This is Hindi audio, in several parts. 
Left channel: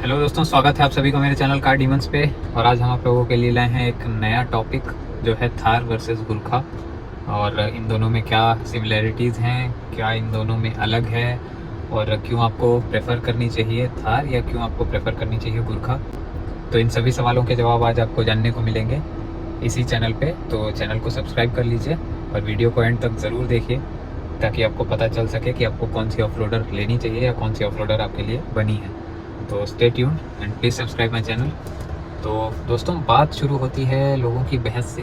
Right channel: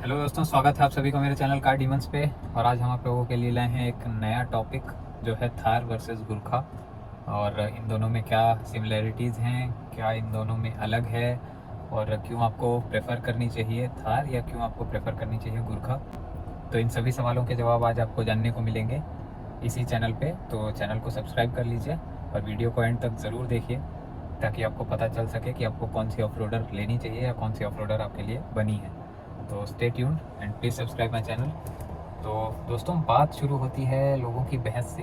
हेलो दोस्तों, स्वागत है आप सभी को मेरे चैनल कार डीमंस पे। और आज हम आप लोगों के लिए लाए हैं एक नया टॉपिक जो है थार वर्सेस गुरखा। और इन दोनों में क्या सिमिलैरिटीज़ हैं, क्या इन दोनों में अलग है, और क्यों आपको प्रेफर करनी चाहिए थार या क्यों आपको प्रेफर करनी चाहिए गुरखा। तो इन सभी सवालों के जवाब आज आपको जानने को मिलेंगे इसी चैनल पे। तो चैनल को सब्सक्राइब कर लीजिए और वीडियो को एंड तक ज़रूर देखिए ताकि आपको पता चल सके कि आपको कौन सी ऑफ रोडर लेनी चाहिए या कौन सी ऑफ रोडर आपके लिए बनी है। तो stay tuned and please subscribe my channel. तो दोस्तों, बात शुरू होती है लोगों की बहस से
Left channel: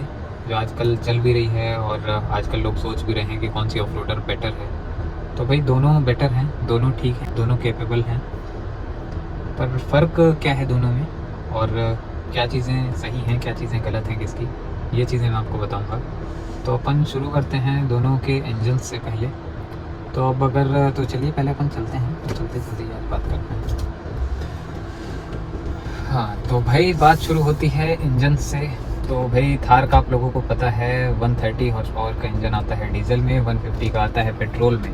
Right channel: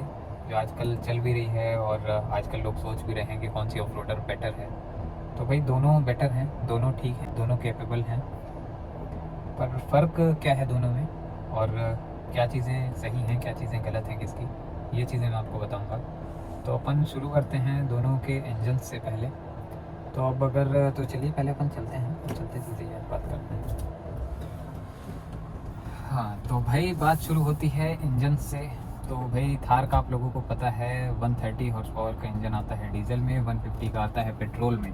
जो आजकल चल भी रही है और आजकल लोग सोच भी रहे हैं कि कौन सी ऑफ रोडर बेटर है। तो भाई दोनों बेटर हैं, दोनों ठीक हैं, दोनों कैपेबल हैं, पर फ़र्क क्या है दोनों में और क्या चीज़ें सही हैं, क्या चीज़ें गलत हैं किसकी, ये चीज़ें मैं आपको बताऊंगा। तो अपन शुरू करते हैं दोनों के इंजन से पहले। तो अब अगर तो चलिए पहले अपन चलते हैं, तो चलते चलते बात करते हैं। हाँ, तो भाई बात शुरू होती है इंजन से। तो भाई थार का आप लोगों को पता है 130 हॉर्स पावर का इंजन आता है डीजल में, 150 का आता है पेट्रोल में।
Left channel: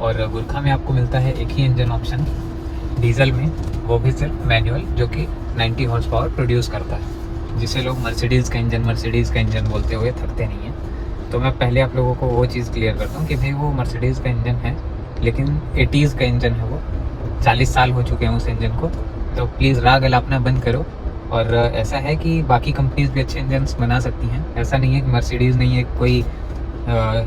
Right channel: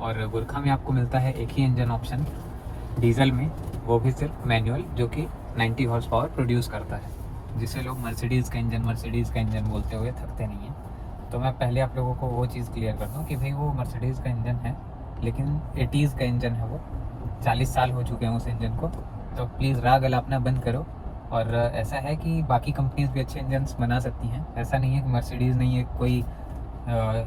और गुरखा में आपको मिलता है एक ही इंजन ऑप्शन डीजल में, वो भी सिर्फ मैनुअल, जो कि 90 हॉर्स पावर प्रोड्यूस करता है, जिसे लोग मर्सिडीज़ का इंजन बोलते हुए थकते नहीं हैं। तो मैं पहले आप लोगों को वो चीज़ क्लियर करता हूँ कि भाई वो मर्सिडीज़ का इंजन है, लेकिन 80s का इंजन है वो। 40 साल हो चुके हैं उस इंजन को। तो प्लीज़ राग अलापना बंद करो। और ऐसा है कि बाकी कंपनीज भी अच्छे इंजन्स बना सकती हैं, ऐसा नहीं है कि मर्सिडीज़ नहीं है कोई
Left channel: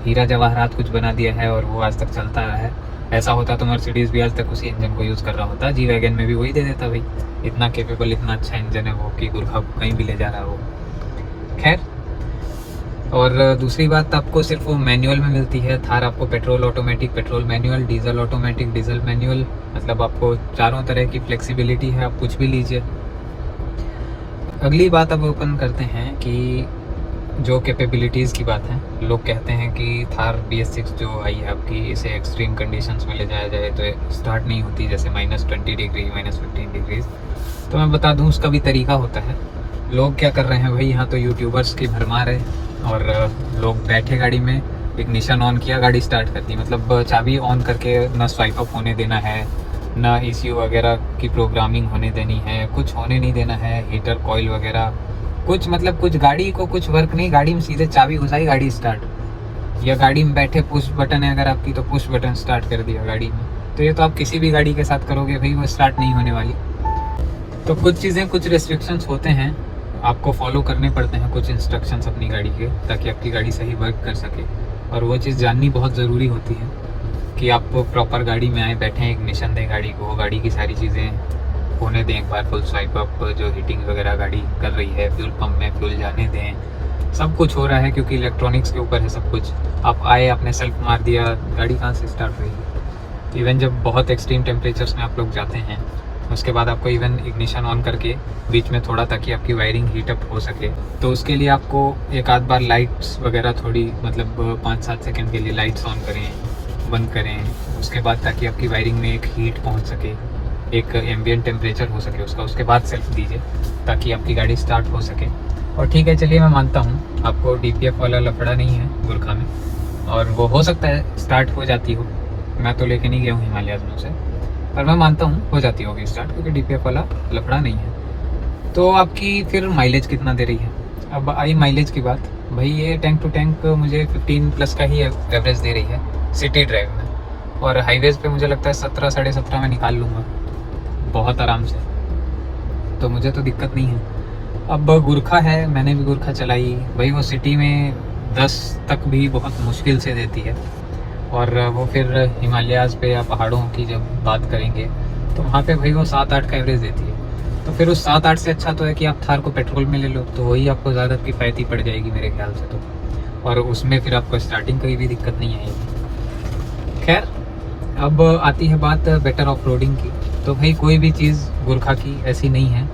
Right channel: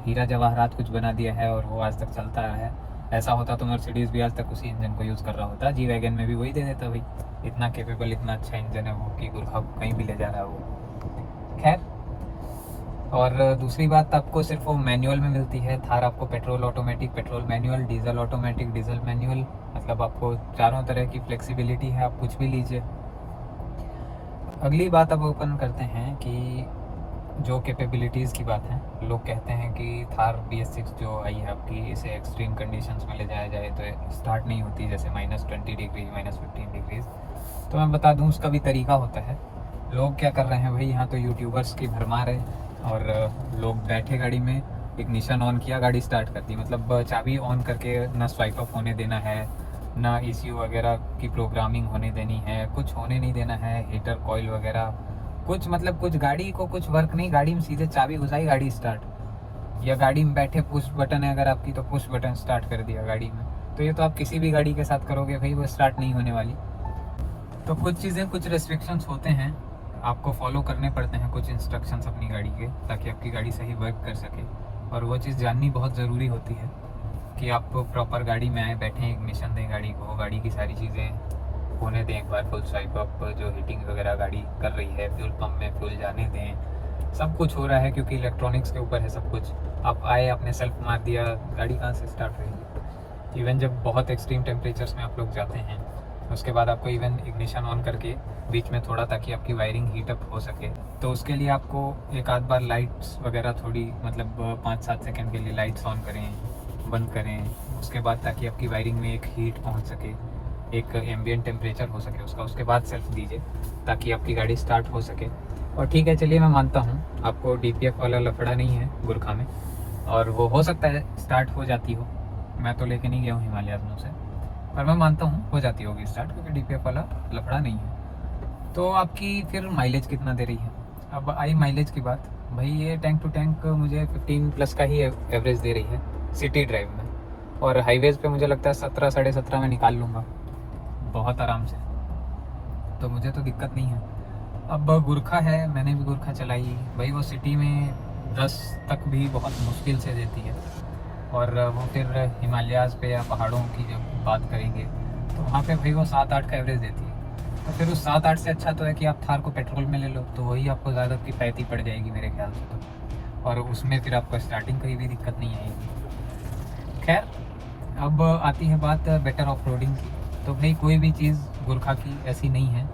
हीरा जवाहरात कुछ बना दिया है और वो आज तक चलता रहा है। ऐसा होता तो मर्सिडीज़ भी आज तक उसी इंजन को यूज़ कर रहा होता, जी वैगन में भी वही दे देता भाई। इतना कैपेबल, इतना अच्छा इंजन है वो कि गुरखा को कहीं भी ले जा रहा हो। खैर, और दूसरी बात, आपको सिर्फ वो मैनुअल में मिलती है। थार आपको petrol automatic, petrol manual, diesel automatic, diesel manual, मतलब आपको चारों तरह की फ्लेक्सिबिलिटी है, आप कुछ भी लीजिए। अगली बात अब ओपन करते हैं कि जो कैपेबिलिटीज़ की बात है, लोग कहते हैं कि थार BS6 जो आई है आपकी, इसे एक्सट्रीम कंडीशंस में ले जाया जाए तो स्टार्ट नहीं होती, जैसे -20 डिग्री, -15 डिग्रीज। तो मैं बता दूं उसका भी तरीका होता है। लोग क्या कर रहे हैं भाई, यहाँ तो यूट्यूबर्स की भरमार है और लोग बैठे गाड़ी में, इग्निशन ऑन किया, गाड़ी स्टार्ट कर दी, मतलब चाबी ऑन करके ना स्वाइप अप होने देना है, ना ECU वगैरह की प्रोग्रामिंग होने देनी है, कुछ होने नहीं देना है, हीटर कॉइल वगैरह कुछ, मतलब कुछ गाड़ी को कुछ वर्क नहीं, गाड़ी में सीधे चाबी घुसाई, गाड़ी स्टार्ट। या गाड़ी में बैठे पुश बटन है अगर आपकी, तो पुश बटन स्टार्ट कर दिया गाड़ी में। तो ये तो आप किसी भी गाड़ी के साथ करोगे भाई, वो स्टार्ट नहीं होने वाली। तो कुछ चीज़ें, कुछ रेस्ट्रिक्शंस होते हैं, आपको फॉलो करने पड़ते हैं कुछ इंस्ट्रक्शंस अपनी गाड़ी के, ताकि आपकी गाड़ी सही वर्क कर सके। और वो चीज़ जाननी बहुत ज़रूरी होती है कि आप प्रॉपर गाड़ी में आए, बैठें, इग्निशन दें गाड़ी को, गाड़ी की सारी चीज़ें होने दें एक बार, फुल स्वाइप अप, जो हीटिंग वगैरह गाड़ी कर रही है, फ्यूल पंप में फ्यूल जाने दें, सब कुछ हो रहा है क्योंकि इलेक्ट्रॉनिक्स के ऊपर है सब कुछ। आप आए, आपने सेल्फ मार दिया, गाड़ी कहाँ से स्टार्ट होगी। इवन जब बहुत एक्सट्रीम टेम्परेचर्स में आप लोग जाते हैं, उसके बाद आपको इवन इग्निशन ऑन करके बीच में थोड़ा, ताकि आपकी वायरिंग हीटअप हो सके, तो उसके लिए आपको एक आध बार लाइट्स वगैरह थोड़ी, मतलब 5-7 सेकेंड के लिए लाइट्स ऑन करें, बंद करें, उसके बाद ताकि आपकी वायरिंग में एक हीट पहुंच सके, एक एम्बियंट टेम्परेचर हो सके उसका, उसके बाद सेल्फ दीजिए ताकि आपकी गाड़ी स्टार्ट हो सके। और ठीक है, चलिए मैं मानता हूँ आपको DPF वाला लफड़ा नहीं है गुरखा में, और वो हो सकता है स्टार्ट हो जाती हो, मैं तो लेके नहीं गया हूँ हिमालयाज़ से, पर मैं मानता हूँ हो जाती होगी स्टार्ट, क्योंकि DPF वाला लफड़ा नहीं है। तो आपकी फिर माइलेज कितना दे रही है। अब आई माइलेज की बात, भाई ये टैंक टू टैंक मुझे 15+ का ही एवरेज दे रही है सिटी ड्राइव में, और हाईवेज़ पे मुझे लगता है 17, 17.5 में निकाल लूँगा बहुत आराम से, तो मुझे तो दिक्कत नहीं है। अब गुरखा है, मैंने भी गुरखा चलाई भाई, वो सिटी में 10 तक भी बहुत मुश्किल से देती है, और वो फिर हिमालयाज़ पे या पहाड़ों की जब बात करेंगे तो वहाँ पे भाई वो 7-8 का एवरेज देती है। तो फिर उस 7-8 से अच्छा तो है कि आप थार को पेट्रोल में ले लो, तो वही आपको ज़्यादा किफ़ायती पड़ जाएगी मेरे ख्याल से तो, और उसमें फिर आपको स्टार्टिंग की भी दिक्कत नहीं आएगी। खैर, अब आती है बात बेटर ऑफ रोडिंग की। तो भाई कोई भी चीज़ गुरखा की ऐसी नहीं है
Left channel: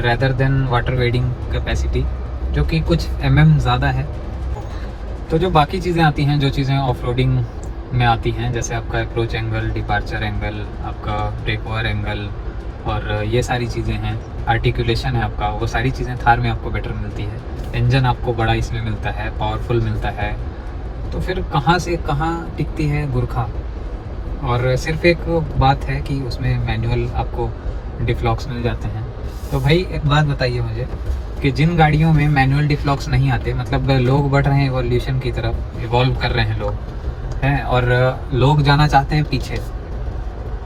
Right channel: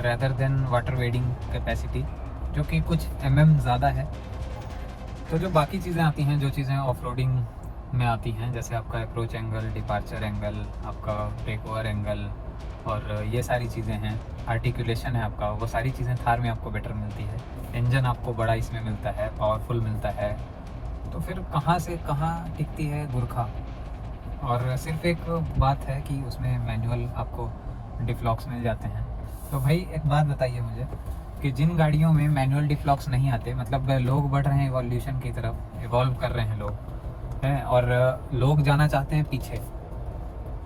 rather than water wedding capacity, जो कि कुछ ज़्यादा है। तो जो बाकी चीज़ें आती हैं, जो चीज़ें ऑफ रोडिंग में आती हैं, जैसे आपका अप्रोच एंगल, डिपार्चर एंगल, आपका ब्रेक ओवर एंगल, और ये सारी चीज़ें हैं, आर्टिकुलेशन है आपका, वो सारी चीज़ें थार में आपको बेटर मिलती है। इंजन आपको बड़ा इसमें मिलता है, पावरफुल मिलता है। तो फिर कहाँ से कहाँ टिकती है गुरखा। और सिर्फ एक बात है कि उसमें मैनुअल आपको डिफ्लॉक्स मिल जाते हैं। तो भाई एक बात बताइए मुझे कि जिन गाड़ियों में मैनुअल डिफ्लॉक्स नहीं आते, मतलब लोग बढ़ रहे हैं इवोल्यूशन की तरफ, इवॉल्व कर रहे हैं लोग हैं, और लोग जाना चाहते हैं पीछे,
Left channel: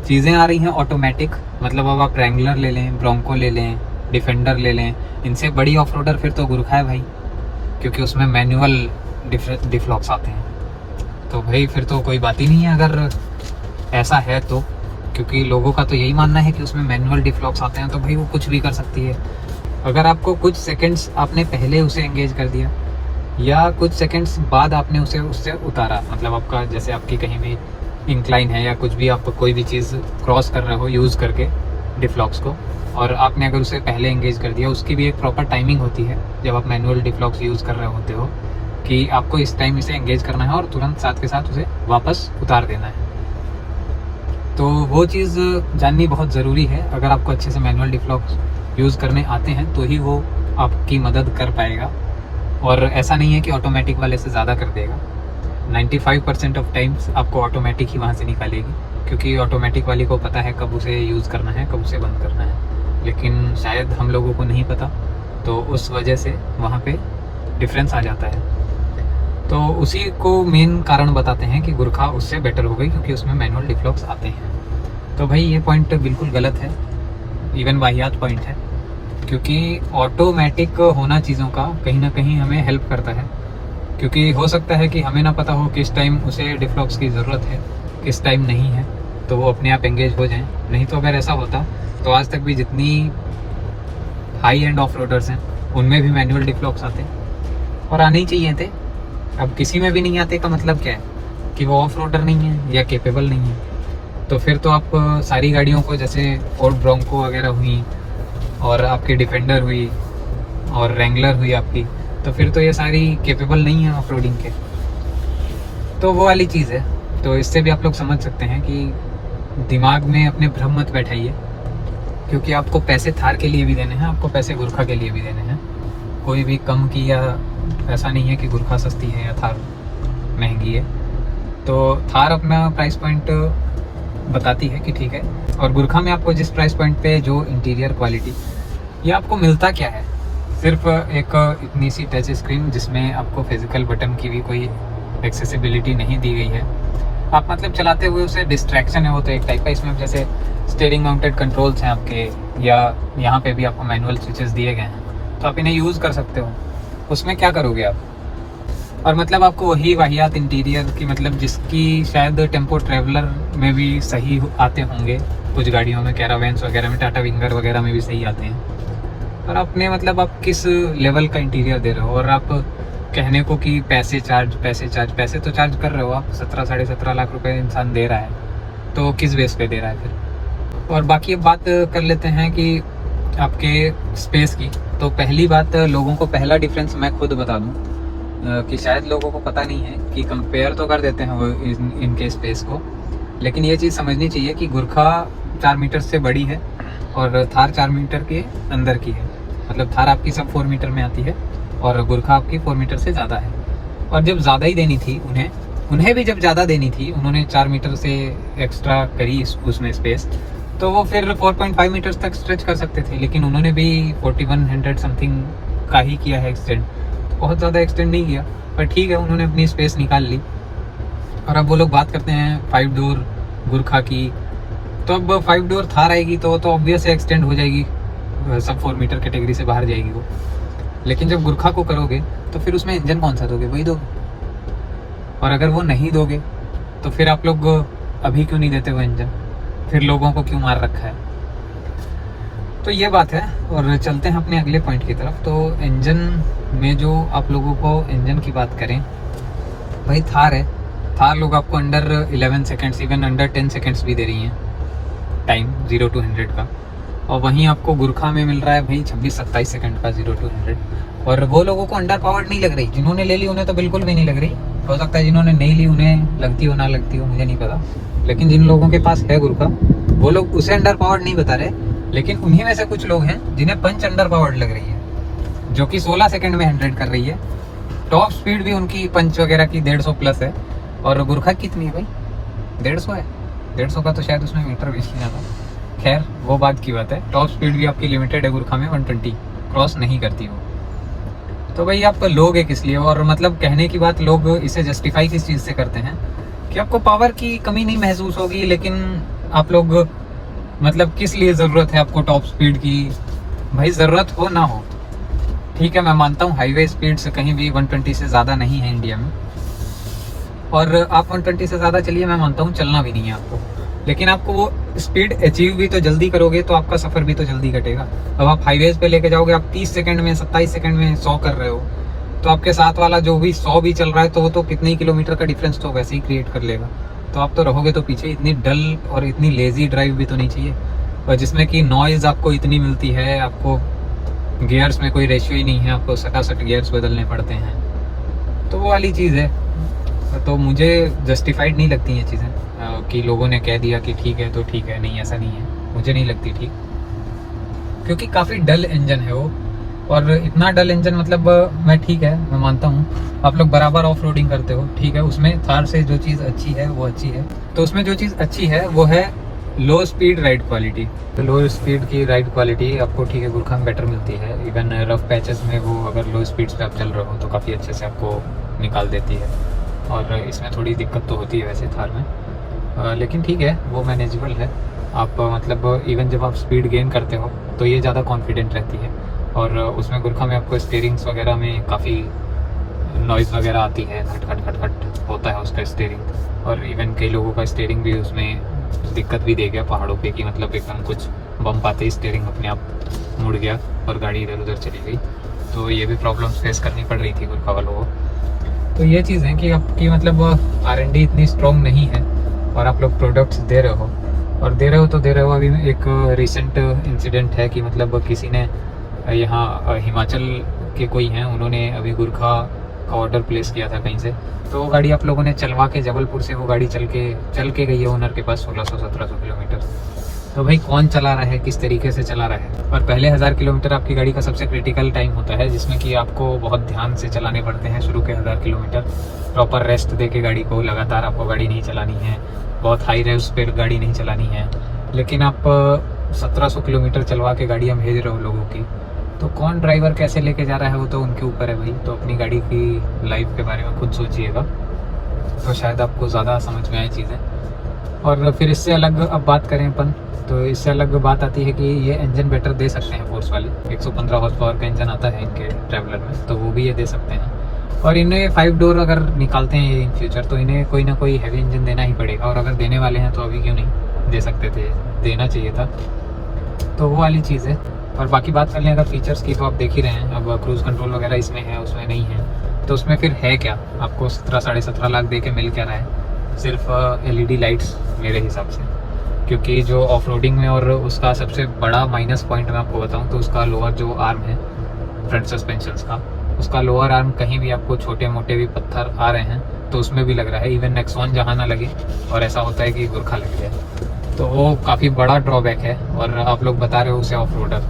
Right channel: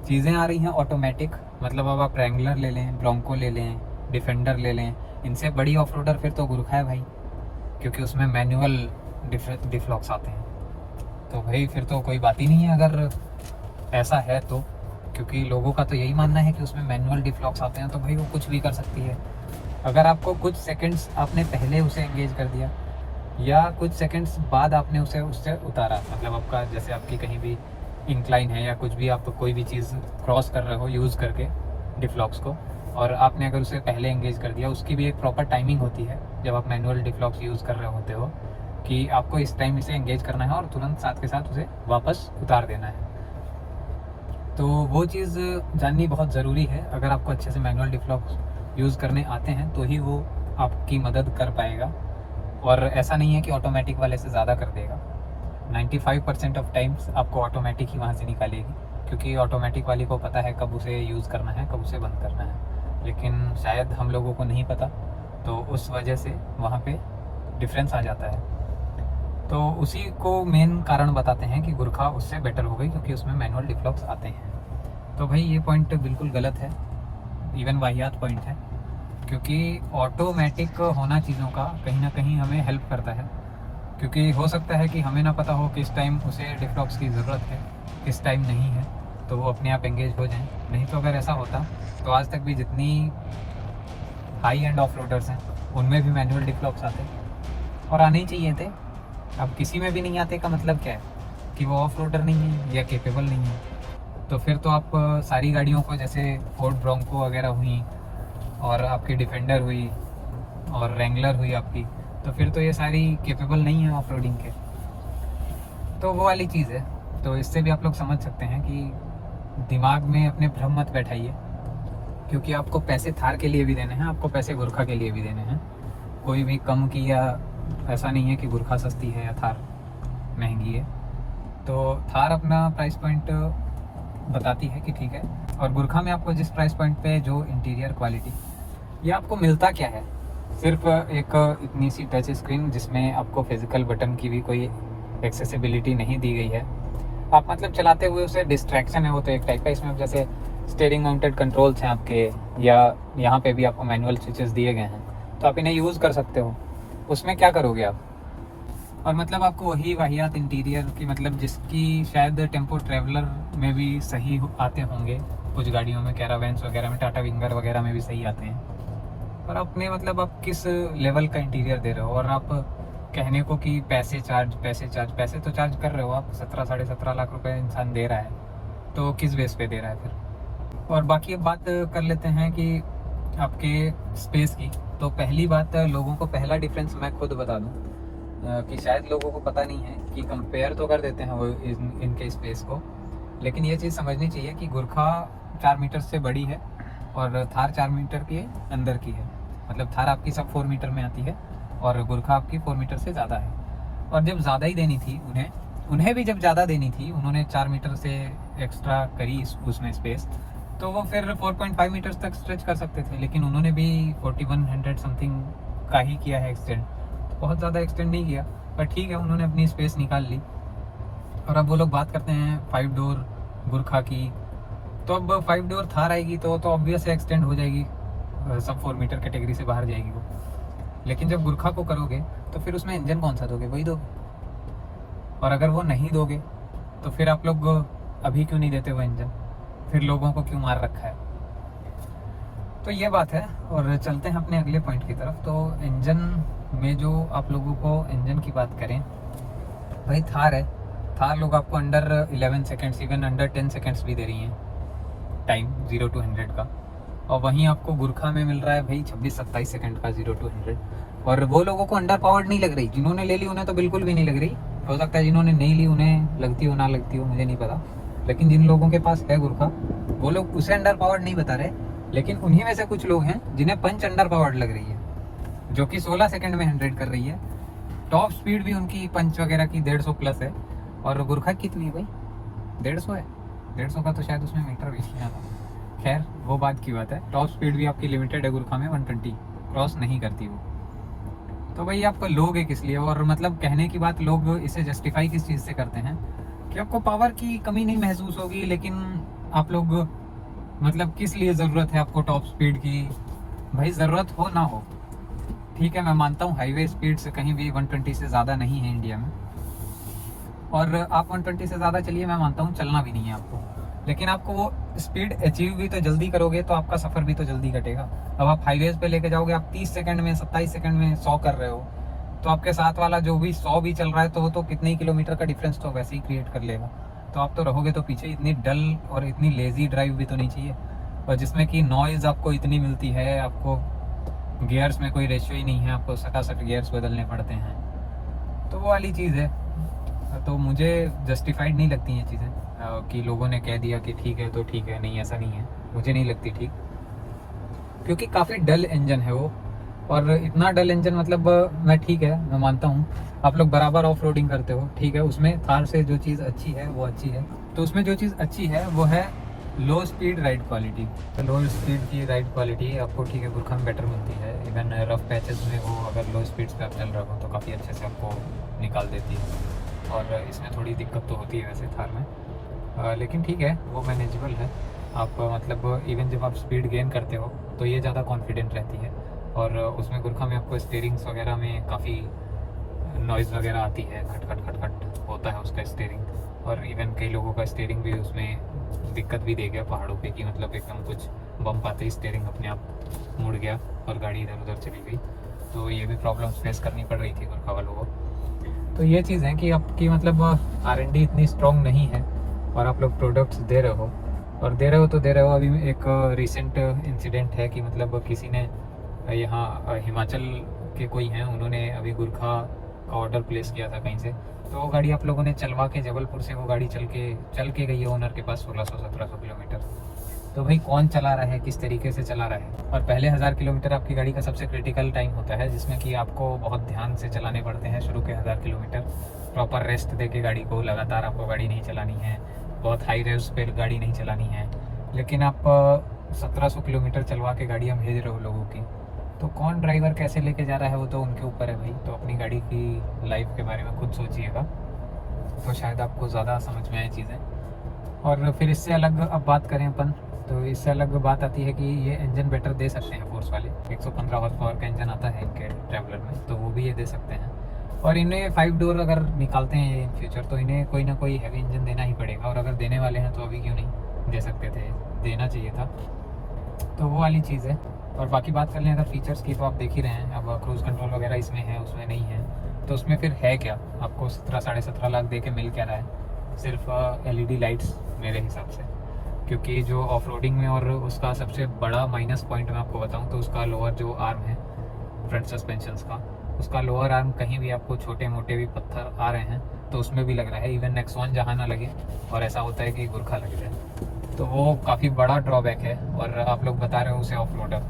चीज़ें आ रही हैं ऑटोमेटिक। मतलब अब आप रैंगलर ले लें, ब्रोंको ले लें, डिफेंडर ले लें, इनसे बड़ी ऑफ रोडर फिर तो गुरखा है भाई, क्योंकि उसमें मैनुअल डिफ्लॉक्स आते हैं। तो भाई फिर तो कोई बात ही नहीं है अगर ऐसा है तो, क्योंकि लोगों का तो यही मानना है कि उसमें मैनुअल डिफ्लॉक्स आते हैं, तो भाई वो कुछ भी कर सकती है। अगर आपको कुछ सेकंड्स आपने पहले उसे एंगेज कर दिया या कुछ सेकंड्स बाद आपने उसे उससे उतारा, मतलब आपका जैसे आपकी कहीं भी इंक्लाइन है या कुछ भी, आप कोई भी चीज़ क्रॉस कर रहे हो यूज़ करके डिफ्लॉक्स को, और आपने अगर उसे पहले एंगेज कर दिया, उसकी भी एक प्रॉपर टाइमिंग होती है जब आप मैनुअल डिफ्लॉक्स यूज़ कर रहे होते हो, कि आपको इस टाइम इसे एंगेज करना है और तुरंत साथ के साथ उसे वापस उतार देना है। तो वो चीज़ जाननी बहुत ज़रूरी है। अगर आपको अच्छे से मैनुअल डिफ्लॉक्स यूज़ करने आते हैं तो ही वो आपकी मदद कर पाएगा, और ऐसा नहीं है कि ऑटोमेटिक वाले से ज़्यादा कर देगा। 95% ऑफ टाइम्स आपको ऑटोमेटिक ही वहाँ से निकालेगी, क्योंकि ऑटोमेटिक वाली को पता है कब उसे यूज़ करना है, कब उसे बंद करना है, लेकिन शायद हम लोगों को नहीं पता, तो उस वजह से वहाँ पे डिफरेंस आ जाता है। तो उसी को मेन कारण बताते हैं कि गुरखा उससे बेटर हो गई, क्योंकि उसमें मैनुअल डिफ्लॉक्स आते हैं। तो भाई ये पॉइंट बिल्कुल गलत है, इवन वाहियात पॉइंट है, क्योंकि ऑटोमेटिक होना चीज़ों का कहीं ना कहीं हमें हेल्प करता है, क्योंकि हो सकता है कि हमें ना पता हो किस टाइम उसे डिफ्लॉक्स की ज़रूरत है, किस टाइम नहीं है, तो वो अपने आप एंगेज हो जाएं। नहीं तो अगर ऐसा होता तो आज तक भी जितनी हाई एंड ऑफ रोडर्स हैं उनमें भी मैनुअल डिफ्लॉक्स आते, और आने ही चाहिए थे। अब किसी में भी नहीं आते का मतलब क्या है, कि वो ऑफ रोडर नहीं है या केपेबल नहीं है। तो फिर तो आप सारी गाड़ियों को, जैसे फोर्ड ब्रोंको वगैरह हुई, और आपकी डिफेंडर हुई, और रैंगलर हुई आपकी, तो फिर तो ये सारी केपेबल नहीं है ऑफ रोडिंग के। तो वो वाली चीज़ है। तो इससे भी आप लोग समझ सकते हैं कि दिमाग में अपने भ्रम मत बैठाइए, क्योंकि आपको पैसे थार के लिए भी देने हैं, आपको पैसे गुरखा के लिए भी देने हैं। कोई भी कम की, या ऐसा नहीं है कि गुरखा सस्ती है या थार महंगी है। तो थार अपना प्राइस पॉइंट बताती है कि ठीक है, और गुरखा में आपको जिस प्राइस पॉइंट पे जो इंटीरियर क्वालिटी, ये आपको मिलता क्या है, सिर्फ एक इतनी सी टच स्क्रीन जिसमें आपको फिजिकल बटन की भी कोई एक्सेसिबिलिटी नहीं दी गई है। आप मतलब चलाते हुए उसे डिस्ट्रैक्शन है वो तो एक टाइप का। इसमें जैसे स्टीयरिंग माउंटेड कंट्रोल्स हैं आपके, या यहाँ पे भी आपको मैनुअल स्विचेस दिए गए हैं, तो आप इन्हें यूज़ कर सकते हो। उसमें क्या करोगे आप, और मतलब आपको वही वाहियात इंटीरियर की, मतलब जिसकी शायद टेम्पो ट्रैवलर में भी सही आते होंगे, कुछ गाड़ियों में, कैरावेंस वगैरह में, टाटा विंगर वगैरह में भी सही आते हैं। और अपने मतलब आप किस लेवल का इंटीरियर दे रहे हो, और आप कहने को कि पैसे तो चार्ज कर रहे हो आप, 17-17.5 लाख रुपए इंसान दे रहा है, तो किस बेस पे दे रहा है फिर। और बाकी अब बात कर लेते हैं कि आपके स्पेस की। तो पहली बात, लोगों को पहला डिफरेंस मैं खुद बता दूं, कि शायद लोगों को पता नहीं है, कि कंपेयर तो कर देते हैं वो इनके स्पेस को, लेकिन ये चीज़ समझनी चाहिए कि गुरखा 4 मीटर से बड़ी है और थार 4 मीटर के अंदर की है। मतलब थार आपकी सब 4 मीटर में आती है और गुरखा आपकी 4 मीटर से ज़्यादा है। और जब ज़्यादा ही देनी थी उन्हें भी जब ज़्यादा देनी थी, उन्होंने 4 मीटर से एक्स्ट्रा करी उसमें स्पेस, तो वो फिर 4.5 मीटर्स तक स्ट्रेच कर सकते थे, लेकिन उन्होंने भी 4100 समथिंग का ही किया है एक्सटेंड। बहुत ज़्यादा एक्सटेंड नहीं किया, पर ठीक है, उन्होंने अपनी स्पेस निकाल ली। और अब वो लोग बात करते हैं 5 डोर गुरखा की, तो अब 5 डोर थार आएगी तो ऑब्वियस एक्सटेंड हो जाएगी, सब 4 मीटर कैटेगरी से बाहर जाएगी वो। लेकिन जब गुरखा को करोगे तो फिर उसमें इंजन कौन सा दोगे, वही दोगे। और अगर वो नहीं दोगे तो फिर आप लोग अभी क्यों नहीं देते वो इंजन, फिर लोगों को क्यों मार रखा है। तो ये बात है। और चलते हैं अपने अगले पॉइंट की तरफ। तो इंजन में जो आप लोगों को इंजन की बात करें, भाई थार है, थार लोग आपको under 11 seconds, even under 10 seconds भी दे रही हैं टाइम 0 to 100 का। और वहीं आपको गुरखा में मिल रहा है भाई 26-27 सेकंड का 0 to 100। और वो लोगों को अंडर पावर्ड नहीं लग रही, जिन्होंने ले ली उन्हें तो बिल्कुल भी नहीं लग रही। हो सकता है जिन्होंने नहीं ली उन्हें लगती हो ना लगती हो, मुझे नहीं पता। लेकिन जिन लोगों के पास है गुरखा, वो लोग उसे अंडर पावर्ड नहीं बता रहे, लेकिन उन्हीं में से कुछ लोग हैं जिन्हें पंच अंडर पावर्ड लग रही है, जो कि 16 सेकेंड में 100 कर रही है। टॉप स्पीड भी उनकी पंच वगैरह की 150 प्लस है। और गुरखा कितनी है भाई, 150 है। 150 का तो शायद उसमें मीटर भी नहीं आता। खैर वो बात की बात है। टॉप स्पीड भी आपकी लिमिटेड है गुरखा में, 120 क्रॉस नहीं करती वो। तो भाई आप लोगे किस लिए? और मतलब कहने की बात, लोग इसे जस्टिफाई किस चीज़ से करते हैं कि आपको पावर की कमी नहीं महसूस होगी, लेकिन आप लोग मतलब किस लिए ज़रूरत है आपको टॉप स्पीड की? भाई ज़रूरत हो ना हो, ठीक है, मैं मानता हूँ हाईवे स्पीड से कहीं भी 120 से ज़्यादा नहीं है इंडिया में, और आप 120 से ज़्यादा चलिए, मैं मानता हूँ चलना भी नहीं है आपको, लेकिन आपको वो स्पीड अचीव भी तो जल्दी करोगे तो आपका सफ़र भी तो जल्दी कटेगा। अब आप हाईवेज पे लेके जाओगे, आप 30 सेकंड में 27 सेकंड में 100 कर रहे हो, तो आपके साथ वाला जो भी 100 भी चल रहा है तो वो तो कितने ही किलोमीटर का डिफरेंस तो वैसे ही क्रिएट कर लेगा। तो आप तो रहोगे तो पीछे। इतनी डल और इतनी लेजी ड्राइव भी तो नहीं चाहिए, और जिसमें कि नॉइज़ आपको इतनी मिलती है, आपको गियर्स में कोई रेशियो ही नहीं है, आपको सटासट गियर्स बदलने पड़ते हैं, तो वो वाली चीज़ है। तो मुझे जस्टिफाइड नहीं लगती ये चीज़ें कि लोगों ने कह दिया कि ठीक है तो ठीक है, नहीं ऐसा नहीं है, मुझे नहीं लगती ठीक, क्योंकि काफ़ी डल इंजन है वो। और इतना डल इंजन मतलब मैं ठीक है, मैं मानता हूँ आप लोग बराबर ऑफ रोडिंग करते हो, ठीक है, उसमें थार से जो चीज़ अच्छी है वो अच्छी है। तो उसमें जो चीज़ अच्छी है वो है लो स्पीड राइड क्वालिटी। तो लो स्पीड की राइड क्वालिटी आपको, ठीक है, गुरखा में बेटर मिलती है। इवन रफ पैचेस में वो अगर लो स्पीड्स पे आप चल रहे हो तो काफ़ी अच्छे से आपको निकाल देती है, और इसमें थोड़ी दिक्कत तो होती है वैसे थार में, लेकिन ठीक है, वो मैनेजेबल है। आप मतलब इवन जब आप स्पीड गेन करते हो तो ये ज़्यादा कॉन्फिडेंट रहती है, और उसमें गुरखा में आपको स्टीयरिंग्स वगैरह में काफ़ी नॉइज़ वगैरह आती है, खट खट खट खट होता है उसका स्टीयरिंग। और इवन कई लोगों का स्टीयरिंग भी उसमें दिक्कत भी दे गया पहाड़ों पे, कि मतलब एकदम कुछ बम्प आते ही स्टीयरिंग अपने आप मुड़ गया और गाड़ी इधर उधर चली गई। तो ये भी प्रॉब्लम्स फेस करनी पड़ रही थी गुरखा वालों को। तो ये चीज़ है कि आपकी मतलब R&D इतनी स्ट्रॉन्ग नहीं है, और आप लोग प्रोडक्ट्स दे रहे हो, और दे रहे हो तो दे रहे हो। अभी एक रिसेंट इंसिडेंट है कि मतलब किसी ने यहाँ हिमाचल के कोई हैं, उन्होंने अभी गुरखा का ऑर्डर प्लेस किया था कहीं से, तो वो गाड़ी आप लोगों ने चलवा के, जबलपुर से वो गाड़ी चल के गई है ओनर के पास 1600-1700 किलोमीटर। तो भाई कौन चला रहा है, किस तरीके से चला रहा है? और पहले 1000 किलोमीटर आपकी गाड़ी का सबसे क्रिटिकल टाइम होता है, जिसमें कि आपको बहुत ध्यान से चलाने पड़ते हैं शुरू के 1000 किलोमीटर। प्रॉपर रेस्ट दे के गाड़ी को, लगातार आपको गाड़ी नहीं चलानी है, बहुत हाई रेव्स पे गाड़ी नहीं चलानी है। लेकिन आप 1700 किलोमीटर चलवा के गाड़ियाँ भेज रहे हो लोगों की, तो कौन ड्राइवर कैसे लेके जा रहा है वो तो उनके ऊपर है भाई। तो अपनी गाड़ी की लाइफ के बारे में खुद सोचिएगा, तो शायद आपको ज़्यादा समझ में आए चीज़ें। और फिर इससे अलग अब बात करें अपन, तो इससे अलग बात आती है कि ये इंजन बेटर दे सकते हैं फोर्स वाले। 115 हॉर्स पावर का इंजन आता है इनके ट्रैवलर में, तो वो भी ये दे सकते हैं। और इन्हें 5 डोर अगर निकालते हैं ये इन फ्यूचर, तो इन्हें कोई ना कोई हैवी इंजन देना ही पड़ेगा, और अगर देने वाले हैं तो अभी क्यों नहीं दे सकते थे, देना चाहिए था। तो वो वाली चीज़ है। और बाकी बात कर लें अगर फीचर्स की, तो आप देख ही रहे हैं, अब क्रूज़ कंट्रोल वगैरह इसमें है, उसमें नहीं है। तो उसमें फिर है क्या? आपको 17-17.5 लाख दे के मिल क्या रहा है? सिर्फ LED लाइट्स मेरे हिसाब से। क्योंकि जो ऑफ रोडिंग में, और उसका सबसे बड़ा माइनस पॉइंट मैं आपको बताऊं तो उसका लोअर जो आर्म है फ्रंट सस्पेंशंस का, उसका लोअर आर्म कहीं भी आपको छोटे मोटे भी पत्थर आ रहे हैं तो उसमें भी लग रहा है। इवन नेक्सॉन जहाँ ना लगे, और ऐसा होता है कि गुरखा लग जाए, तो वो काफ़ी बड़ा ड्रॉबैक है। और आप लोग बता रहे हो उसे ऑफ रोडर,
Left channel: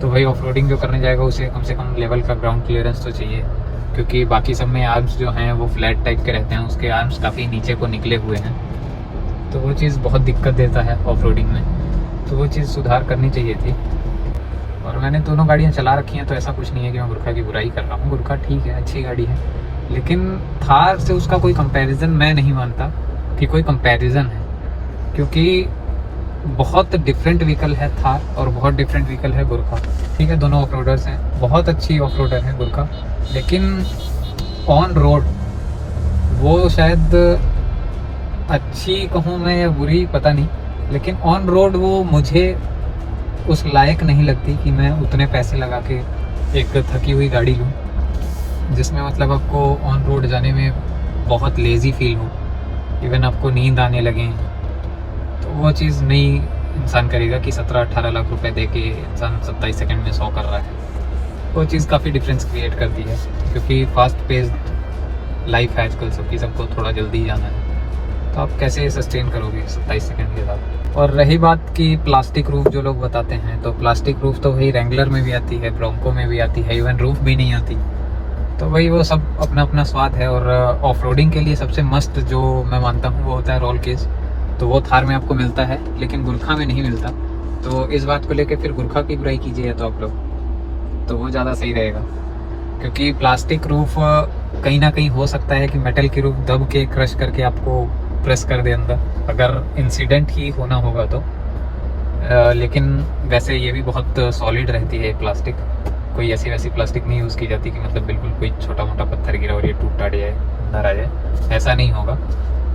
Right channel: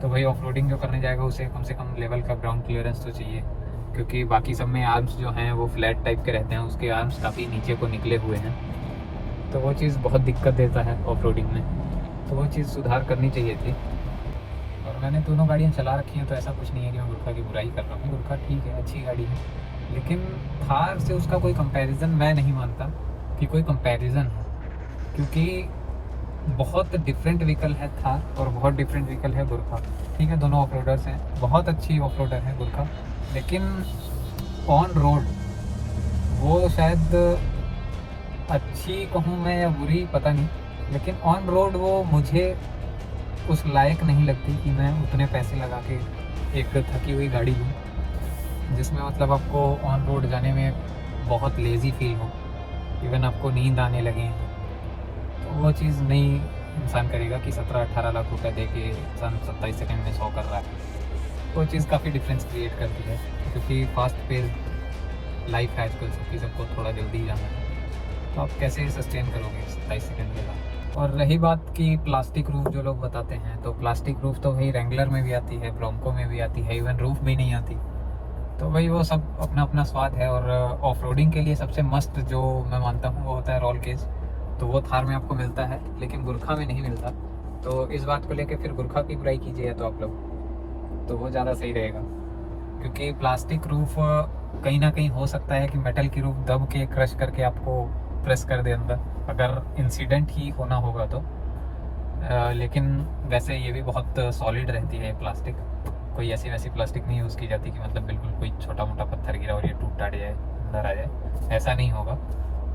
तो भाई ऑफ रोडिंग जो करने जाएगा उसे कम से कम लेवल का ग्राउंड क्लियरेंस तो चाहिए, क्योंकि बाकी सब में आर्म्स जो हैं वो फ्लैट टाइप के रहते हैं, उसके आर्म्स काफ़ी नीचे को निकले हुए हैं, तो वो चीज़ बहुत दिक्कत देता है ऑफ रोडिंग में। तो वो चीज़ सुधार करनी चाहिए थी। और मैंने दोनों गाड़ियाँ चला रखी हैं, तो ऐसा कुछ नहीं है कि मैं गुरखा की बुराई कर रहा हूँ। गुरखा ठीक है, अच्छी गाड़ी है, लेकिन थार से उसका कोई कंपैरिजन मैं नहीं मानता कि कोई कंपैरिजन है, क्योंकि बहुत डिफरेंट व्हीकल है थार और बहुत डिफरेंट व्हीकल है गुरखा। ठीक है, दोनों ऑफ रोडर्स हैं, बहुत अच्छी ऑफ रोडर है गुरखा, लेकिन ऑन रोड वो शायद अच्छी कहूँ मैं या बुरी पता नहीं, लेकिन ऑन रोड वो मुझे उस लायक नहीं लगती कि मैं उतने पैसे लगा के एक थकी हुई गाड़ी लूँ, जिसमें मतलब आपको ऑन रोड जाने में बहुत लेज़ी फील हो, इवन आपको नींद आने लगे। तो वो चीज़ नहीं इंसान करेगा कि 17-18 लाख रुपए दे के इंसान 27 सेकंड में 100 कर रहा है। वो चीज़ काफ़ी डिफरेंस क्रिएट करती है, क्योंकि फास्ट पेस्ड लाइफ है आजकल सबकी, सबको थोड़ा जल्दी जाना है, तो आप कैसे सस्टेन करोगे 27 सेकंड के साथ। और रही बात की प्लास्टिक रूफ जो लोग बताते हैं, तो प्लास्टिक रूफ तो भाई रेंगुलर में भी आती है, ब्रोंको में भी आती है, इवन रूफ भी नहीं आती। तो भाई वो सब अपना अपना स्वाद है। और ऑफ रोडिंग के लिए सबसे मस्त जो मैं मानता हूँ वो होता है रोल केस, तो वो थार में आपको मिलता है, लेकिन गुरखा में नहीं मिलता। तो इस बात को लेके फिर गुरखा की बुराई कीजिए तो आप लोग, तो वो ज़्यादा सही रहेगा। क्योंकि प्लास्टिक रूफ कहीं ना कहीं हो सकता है कि मेटल की रूफ दब के क्रश करके आपको प्रेस कर दे अंदर, अगर इंसिडेंट ही होना होगा तो। लेकिन वैसे ये भी बहुत सॉलिड रहती है प्लास्टिक, कोई ऐसी वैसी प्लास्टिक नहीं यूज़ की जाती कि मतलब बिल्कुल कोई छोटा मोटा पत्थर गिरा और ये टूट टाट जाए, अंदर आ जाए, ऐसा नहीं होगा।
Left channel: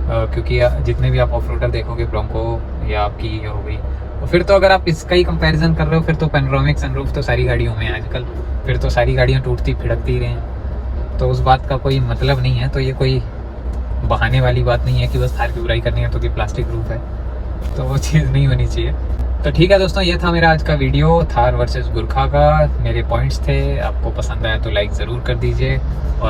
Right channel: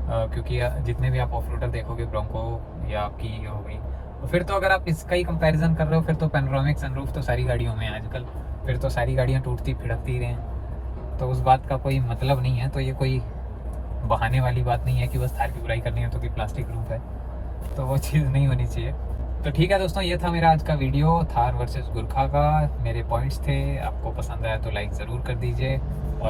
क्योंकि जितने भी आप ऑफ रोडर देखोगे, ब्रोंको या आपकी ये हो गई, तो फिर तो अगर आप इसका ही कंपैरिजन कर रहे हो, फिर तो पैनोरामिक सनरूफ तो सारी गाड़ियों में है आजकल, फिर तो सारी गाड़ियाँ टूटती फिड़कती ही रहें, तो उस बात का कोई मतलब नहीं है। तो ये कोई बहाने वाली बात नहीं है कि बस थार की बुराई करनी है तो कि प्लास्टिक रूफ है, तो वो चीज़ नहीं होनी चाहिए। तो ठीक है दोस्तों, ये था मेरा आज का वीडियो थार वर्सेस गुरखा का, मेरे पॉइंट्स थे। आपको पसंद आया तो लाइक ज़रूर कर दीजिए, और